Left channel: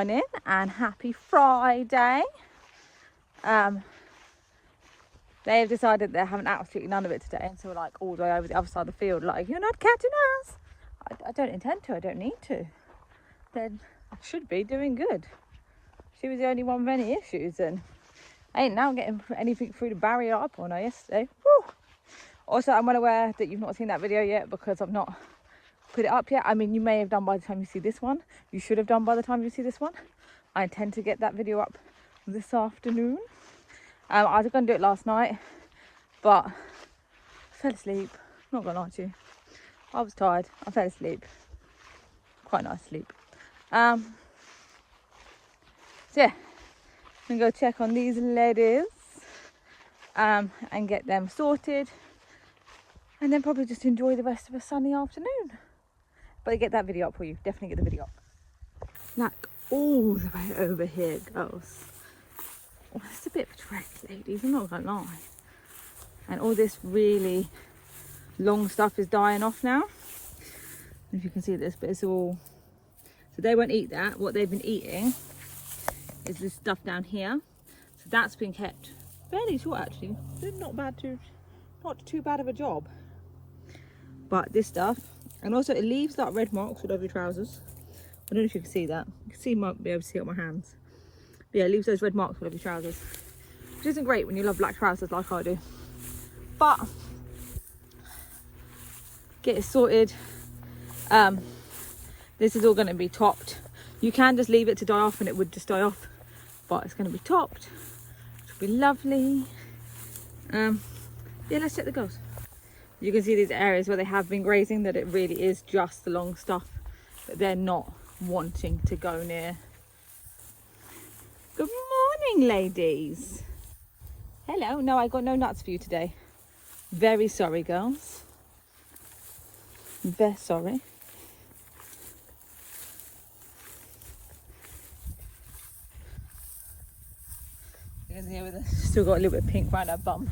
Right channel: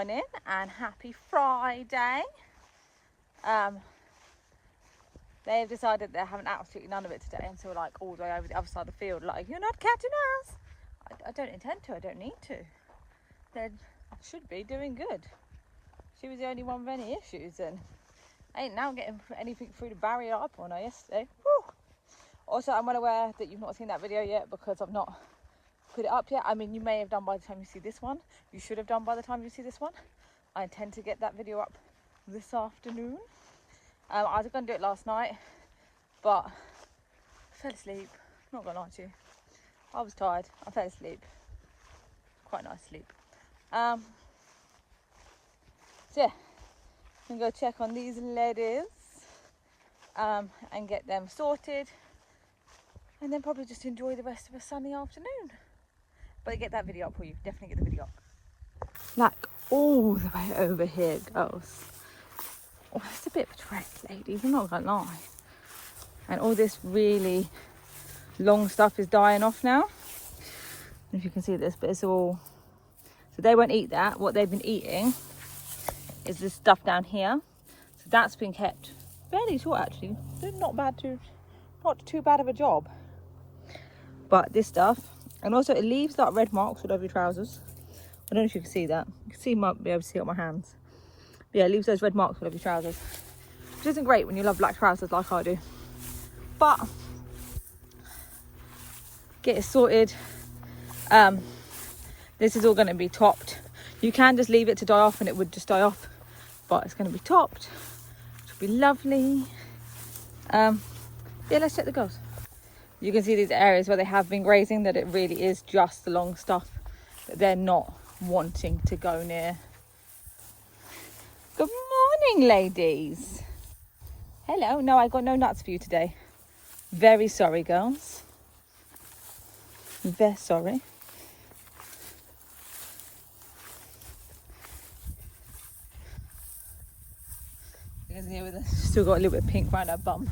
morning and happy Friday. They've decided they're having absolutely none of it today, and so we're like all the way over the other side of the field, like, you're not catching us. I don't intend to, I don't need to. Then I should be doing good. She was the only one with any issues, and I ain't now getting anything through the barrier up on her yesterday. Woo. Also, I'm well aware that you've not seen that video yet because I've not put it up yet. I mean, you may have done by the time you see this one. You should have done by the time you see this one. I intend to get that video up this afternoon. I was going to do it last night, but I fell asleep. Not gonna lie to you, I was tired. I fell asleep. Quite nice sleep. So yeah, I'm gonna go check on these ladies and get them sorted, and then probably just enjoy the rest of a sunny afternoon. But I get that video up for you. Definitely get the video up. Like all the way over here, girls. Oh, it's a bit of a trek, ladies, I'm not gonna lie. And all this really long stuff is dying off now. I don't know if you can see this, but it's all... So they won't eat that. What they've been eating is this stuff down here. So that's been kept fairly short, actually. Not too bad of a job. But this stuff, and also it leaves like red marks all over your trousers. I don't know if you can see that. You can see, might be able to see it on my hands. But yeah, it leaves those red marks all over your trousers, which isn't great when you love black trousers like I do. But get it sorted. This is all going to be topped. You can just leave it to die off and it would just die off, but it's going to be topped. It'll be lovely. Yeah, let's check the girls. You can see these areas where they have been grazing, that it really is just the long stuff that they're not wanting to go near. Good morning, ladies. Hello. No, I got no nuts for you today. Very sorry, girls. Very sorry. You can see her with still got a little bit of pink around her bum.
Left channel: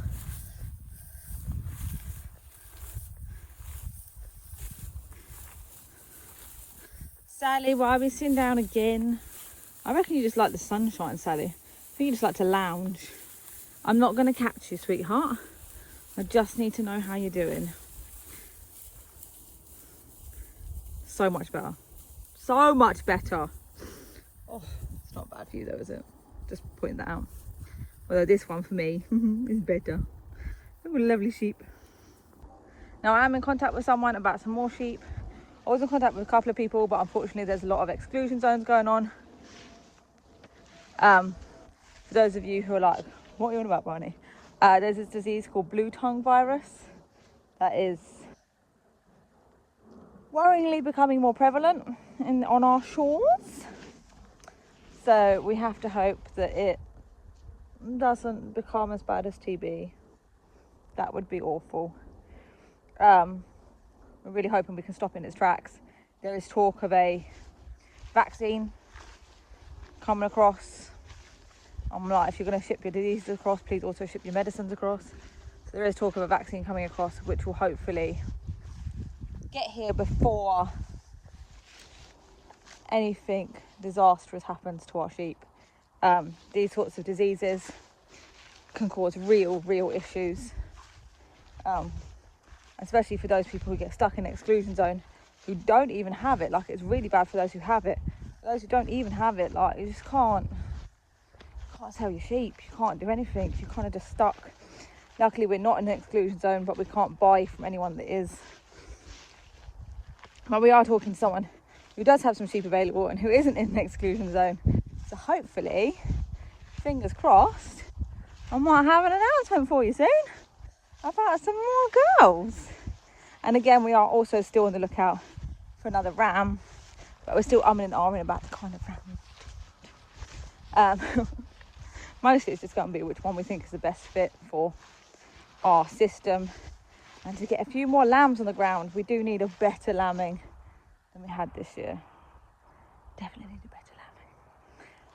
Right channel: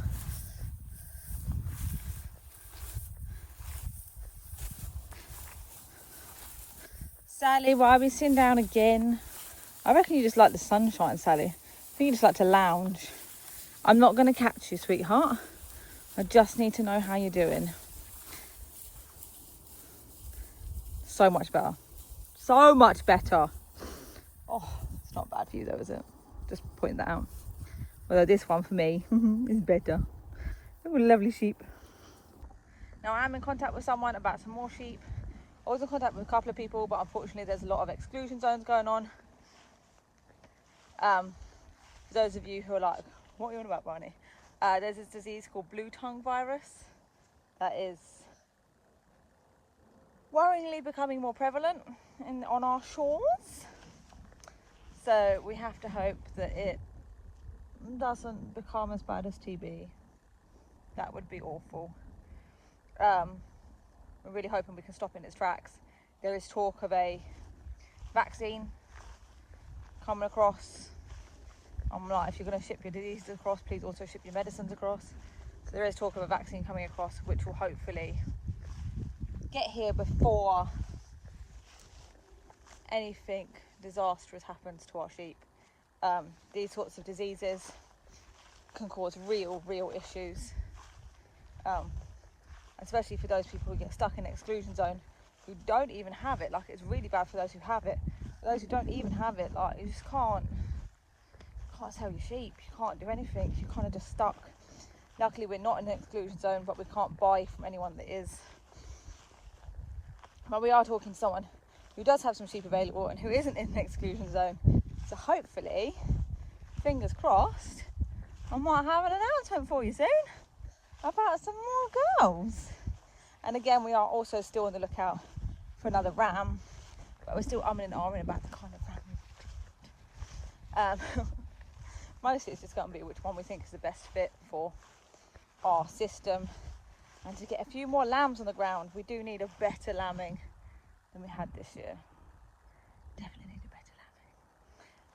Sally, why are we sitting down again? I reckon you just like the sunshine, Sally. I think you just like to lounge. I'm not going to catch you, sweetheart. I just need to know how you're doing. So much better. So much better. Oh, it's not bad for you though, is it? Just pointing that out. Although this one for me is better. What a lovely sheep. Now I am in contact with someone about some more sheep. I was in contact with a couple of people, but unfortunately there's a lot of exclusion zones going on. For those of you who are like, what are you on about, Barney? There's this disease called blue tongue virus that is worryingly becoming more prevalent on our shores. So we have to hope that it doesn't become as bad as TB. That would be awful. We're really hoping we can stop in its tracks. There is talk of a vaccine coming across. I'm like, if you're going to ship your diseases across, please also ship your medicines across. So there is talk of a vaccine coming across, which will hopefully get here before anything disastrous happens to our sheep. These sorts of diseases can cause real issues, especially for those people who get stuck in the exclusion zone, who don't even have it. Like, it's really bad for those who have it. For those who don't even have it, like, you just can't sell your sheep, you can't do anything, you're kind of just stuck. Luckily we're not in the exclusion zone, but we can't buy from anyone that is. But we are talking to someone who does have some sheep available and who isn't in the exclusion zone. So hopefully, fingers crossed, I might have an announcement for you soon about some more girls. And again, we are also still on the lookout for another ram, but we're still umming and ahhing about the kind of ram. Mostly it's just going to be which one we think is the best fit for our system. And to get a few more lambs on the ground, we do need a better lambing than we had this year. Definitely need a better lambing.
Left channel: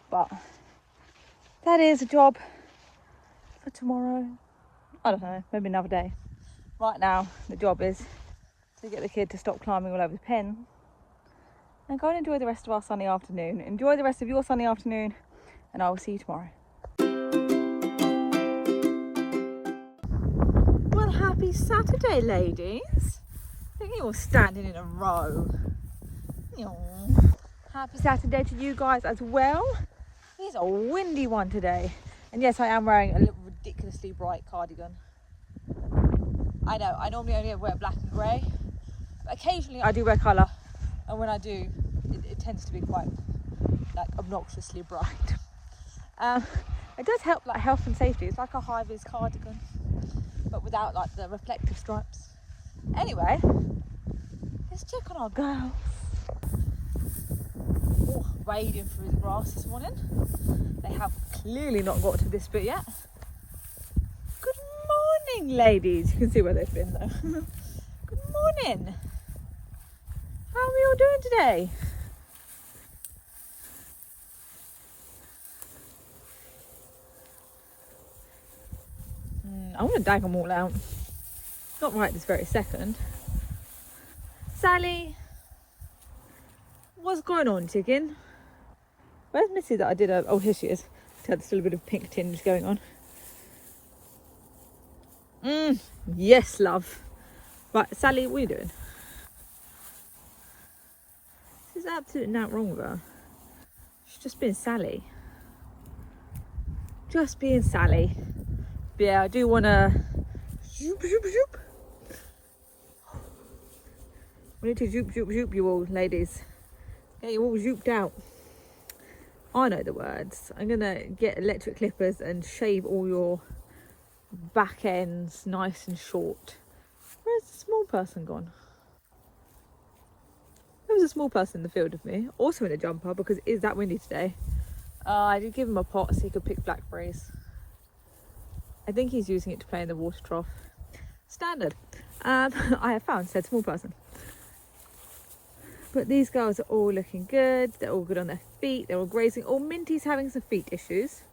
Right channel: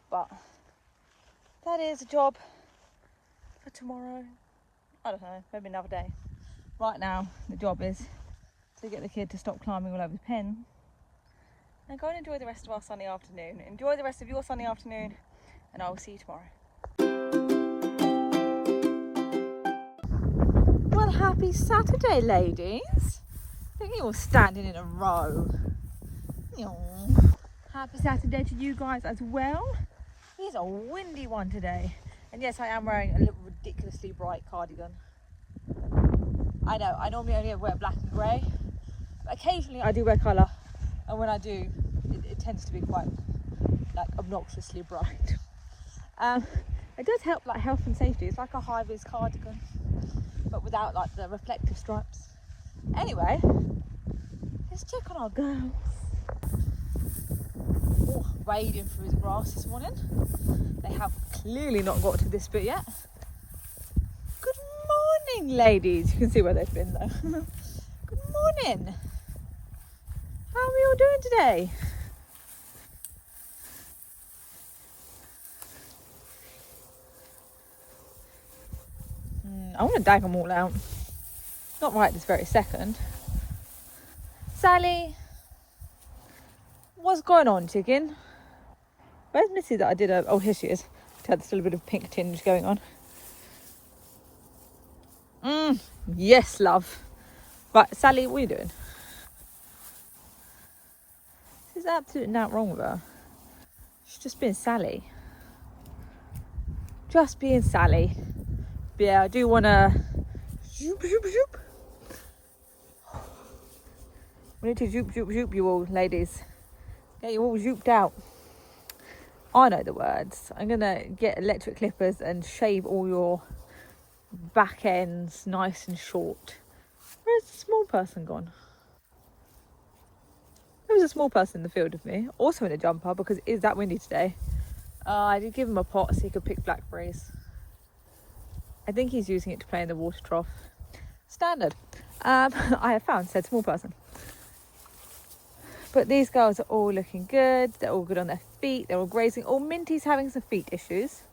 But that is a job for tomorrow. I don't know, maybe another day. Right now, the job is to get the kid to stop climbing all over his pen and go and enjoy the rest of our sunny afternoon. Enjoy the rest of your sunny afternoon, and I will see you tomorrow. Well, happy Saturday, ladies. I think you're all standing in a row. Aww. Happy Saturday to you guys as well. It's a windy one today. And yes, I am wearing a little ridiculously bright cardigan. I know, I normally only wear black and grey, but occasionally I do wear colour. And when I do, it tends to be quite like obnoxiously bright. It does help like health and safety. It's like a high-vis cardigan, but without like the reflective stripes. Anyway, let's check on our girls. Oh, wading through the grass this morning. They have clearly not got to this bit yet. Good morning, ladies. You can see where they've been though. Good morning. How are we all doing today? I want to dag them all out. Not right this very second. Sally, what's going on, chicken? Where's Missy that I did oh, here she is. She had still a bit of pink tinge going on. Yes, love. Right, Sally, what are you doing? There's absolutely nothing wrong with her. She's just being Sally. Just being Sally. But yeah, I do want to zoop, zoop, zoop. We need to zoop, zoop, zoop you all, ladies. Get you all zooped out. I know the words. I'm gonna get electric clippers and shave all your back ends nice and short. Where's the small person gone? There was a small person in the field with me, also in a jumper because it is that windy today. I did give him a pot so he could pick blackberries. I think he's using it to play in the water trough. Standard. I have found said small person. But these girls are all looking good. They're all good on their feet. They're all grazing. Oh, Minty's having some feet issues.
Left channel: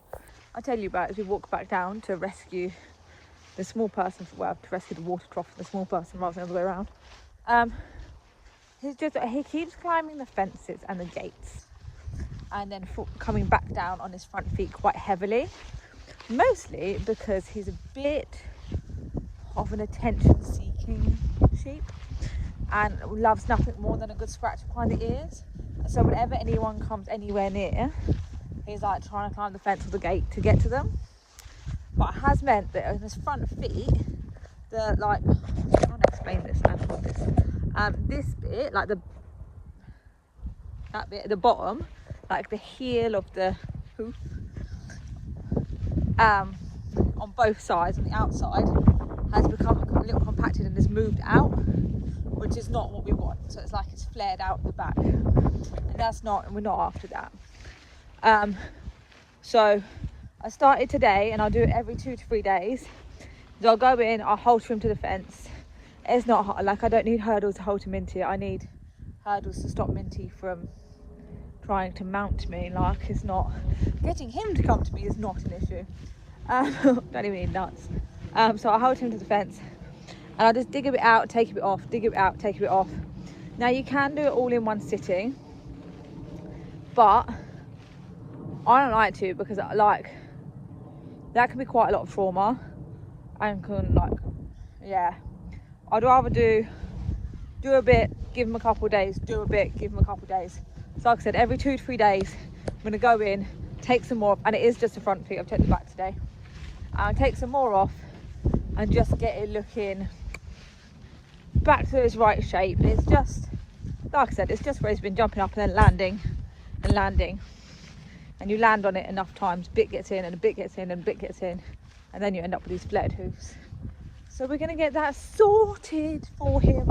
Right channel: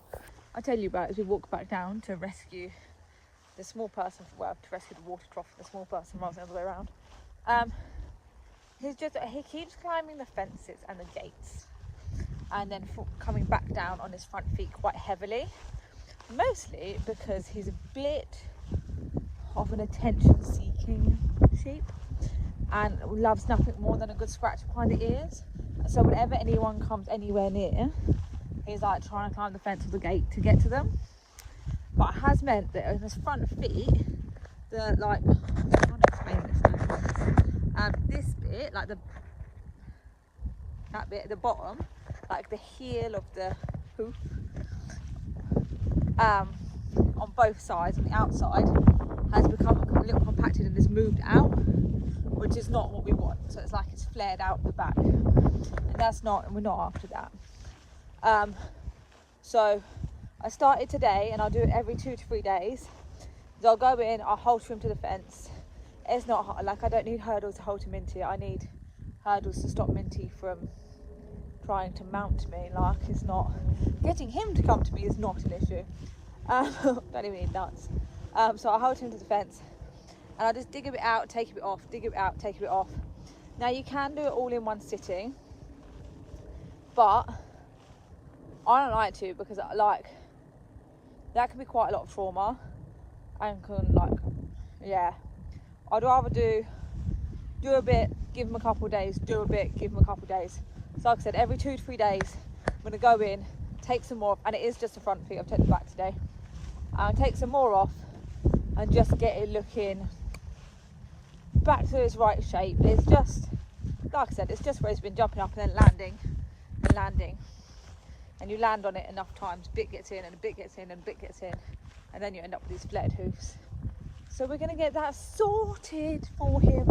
I'll tell you about it as we walk back down to rescue the small person. Well, to rescue the water trough for the small person rather than the other way around. He keeps climbing the fences and the gates. And then coming back down on his front feet quite heavily. Mostly because he's a bit of an attention-seeking sheep. And loves nothing more than a good scratch behind the ears. So whenever anyone comes anywhere near, he's like trying to climb the fence or the gate to get to them. But it has meant that on his front feet, they're like, I'm trying to explain this now. This bit, like that bit at the bottom, like the heel of the hoof, on both sides, on the outside, has become a little compacted and has moved out, which is not what we want. So it's like it's flared out the back, and that's not, and we're not after that. So I started today, and I'll do it every 2 to 3 days. So I'll go in, I'll hold him to the fence. It's not like I don't need hurdles to hold him into. I need hurdles to stop Minty from trying to mount me. Like, it's not getting him to come to me is not an issue. Don't even need nuts. So I'll hold him to the fence. And I'll just dig a bit out, take a bit off, dig a bit out, take a bit off. Now you can do it all in one sitting, but I don't like to because like that can be quite a lot of trauma and can like, yeah. I'd rather do a bit, give him a couple of days, do a bit, give him a couple of days. So like I said, every 2 to 3 days, I'm gonna go in, take some more off, and it is just the front feet, I've taken the back today. Take some more off and just get it looking back to its right shape. It's just, like I said, it's just where he's been jumping up and then landing and landing. And you land on it enough times, bit gets in and a bit gets in and a bit gets in, and then you end up with these flared hoofs. So we're going to get that sorted for him.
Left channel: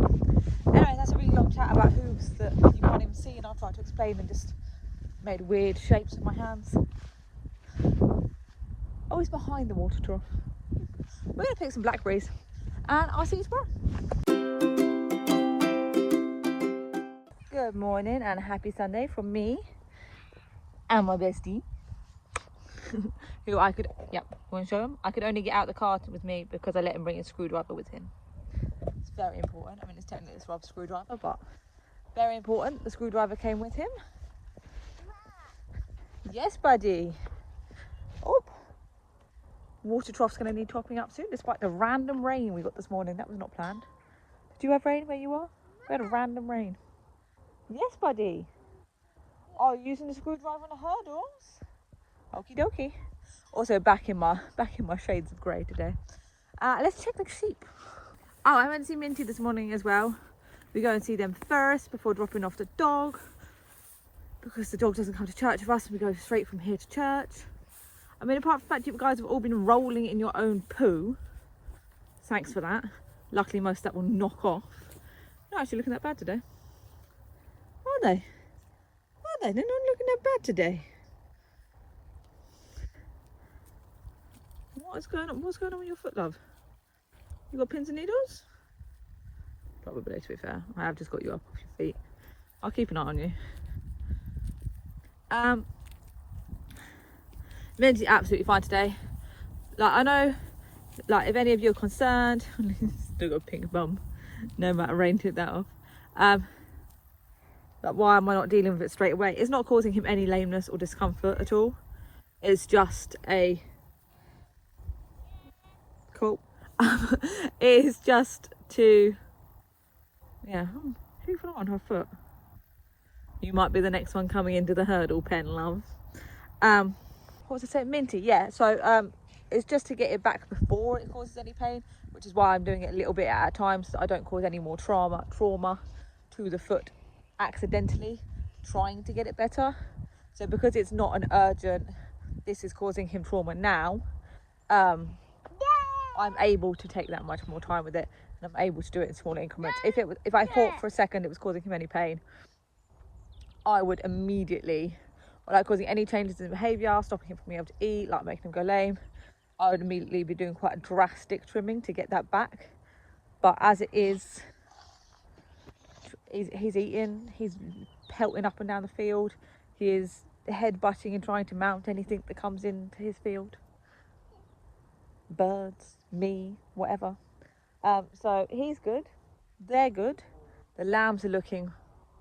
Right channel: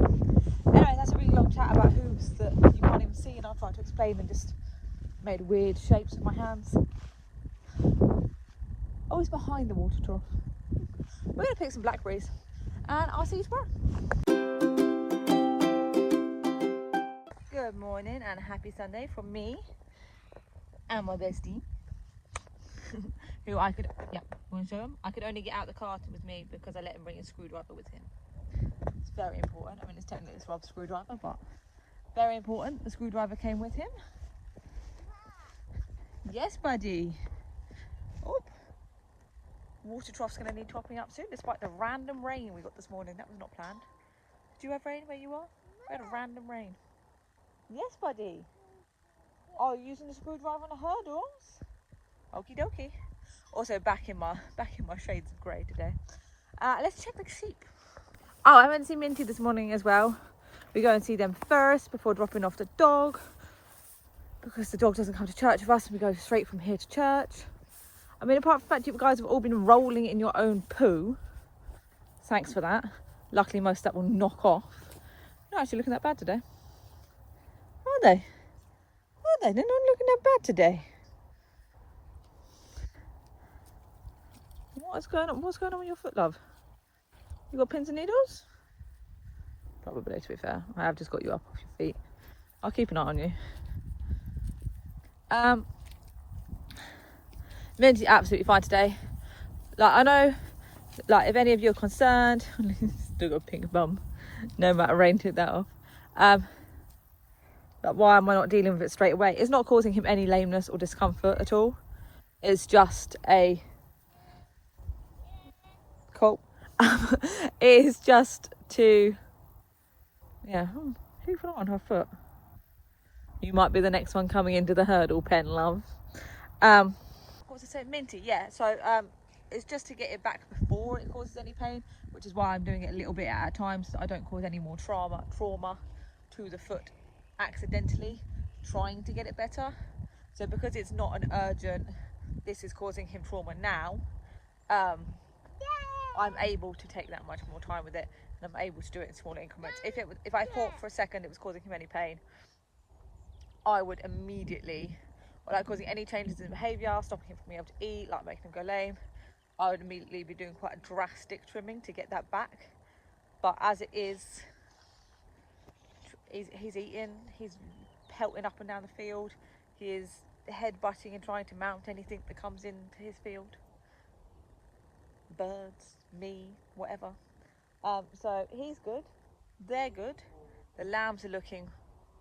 Anyway, that's a really long chat about hooves that you can't even see, and I'll try to explain and just made weird shapes with my hands. Oh, he's behind the water trough. We're going to pick some blackberries, and I'll see you tomorrow. Good morning and happy Sunday from me and my bestie. Who I could, yep, want to show him? I could only get out the car with me because I let him bring his screwdriver with him. It's very important. I mean, it's technically this Rob's screwdriver, but Very important, the screwdriver came with him. Yes, buddy. Oh, water trough's going to need topping up soon, despite the random rain we got this morning. That was not planned. Did you have rain where you are? We had a random rain. Yes, buddy. Oh, using the screwdriver on the hurdles. Okie dokie. Also back in my shades of grey today. Let's check the sheep. Oh, I went to see Minty this morning as well. We go and see them first before dropping off the dog, because the dog doesn't come to church with us and we go straight from here to church. I mean, apart from the fact you guys have all been rolling in your own poo, thanks for that. Luckily most of that will knock off. They're not actually looking that bad today. Are they? Are they? They're not looking that bad today. What's going on? What's going on with your foot, love? You got pins and needles? Probably, to be fair. I have just got you up off your feet. I'll keep an eye on you. Minty's absolutely fine today. Like, I know, like, if any of you are concerned, still got a pink bum, no matter rain took that off. Like, why am I not dealing with it straight away? It's not causing him any lameness or discomfort at all. It's just a cool. It's just to, yeah. Who fell on her foot? You might be the next one coming into the hurdle pen, love. What was I saying? Minty, yeah. So it's just to get it back before it causes any pain, which is why I'm doing it a little bit at a time, so that I don't cause any more trauma to the foot accidentally trying to get it better. So because it's not an urgent, this is causing him trauma now, I'm able to take that much more time with it, and I'm able to do it in small increments. If I thought for a second it was causing him any pain, I would immediately, or like causing any changes in behaviour, stopping him from being able to eat, like making him go lame, I would immediately be doing quite a drastic trimming to get that back. But as it is, he's eating, he's pelting up and down the field, he is head-butting and trying to mount anything that comes into his field. Birds, me, whatever. So he's good, they're good, the lambs are looking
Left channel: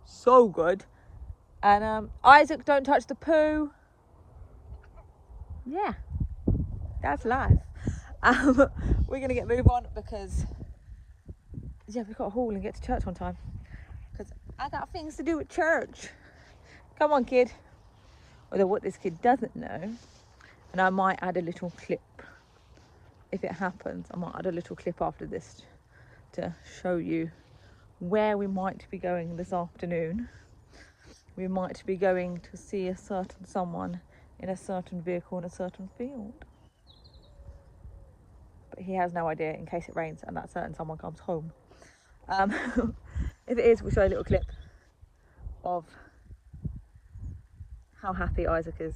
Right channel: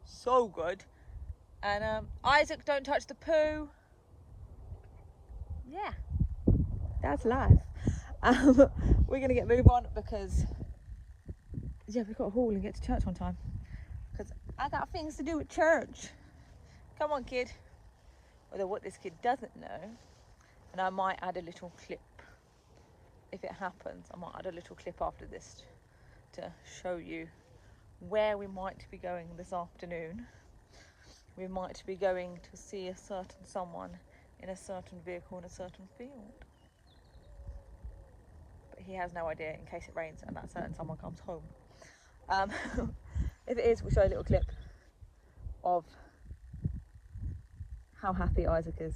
so good, and Isaac, don't touch the poo. Yeah, that's life. We're gonna move on because, yeah, we've got to haul and get to church on time, because I got things to do at church. Come on, kid. Although what this kid doesn't know, and I might add a little clip if it happens, I might add a little clip after this to show you where we might be going this afternoon. We might be going to see a certain someone in a certain vehicle in a certain field. But he has no idea in case it rains and that certain someone comes home. If it is, we'll show you a little clip of how happy Isaac is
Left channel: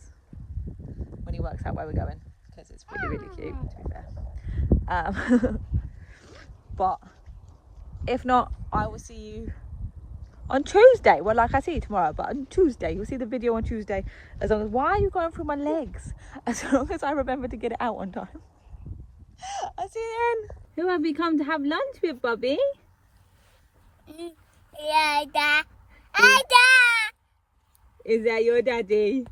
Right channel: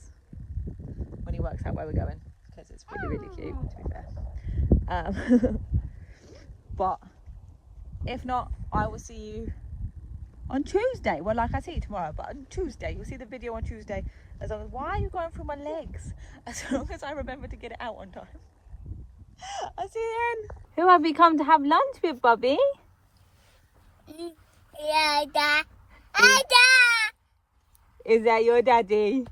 when he works out where we're going, because it's really, really cute, to be fair. But if not, I will see you on Tuesday. Well, like, I see you tomorrow, but on Tuesday, you'll see the video on Tuesday. As long as, why are you going through my legs? As long as I remember to get it out on time. I'll see you then. Who have we come to have lunch with, Bobby? Is that your daddy?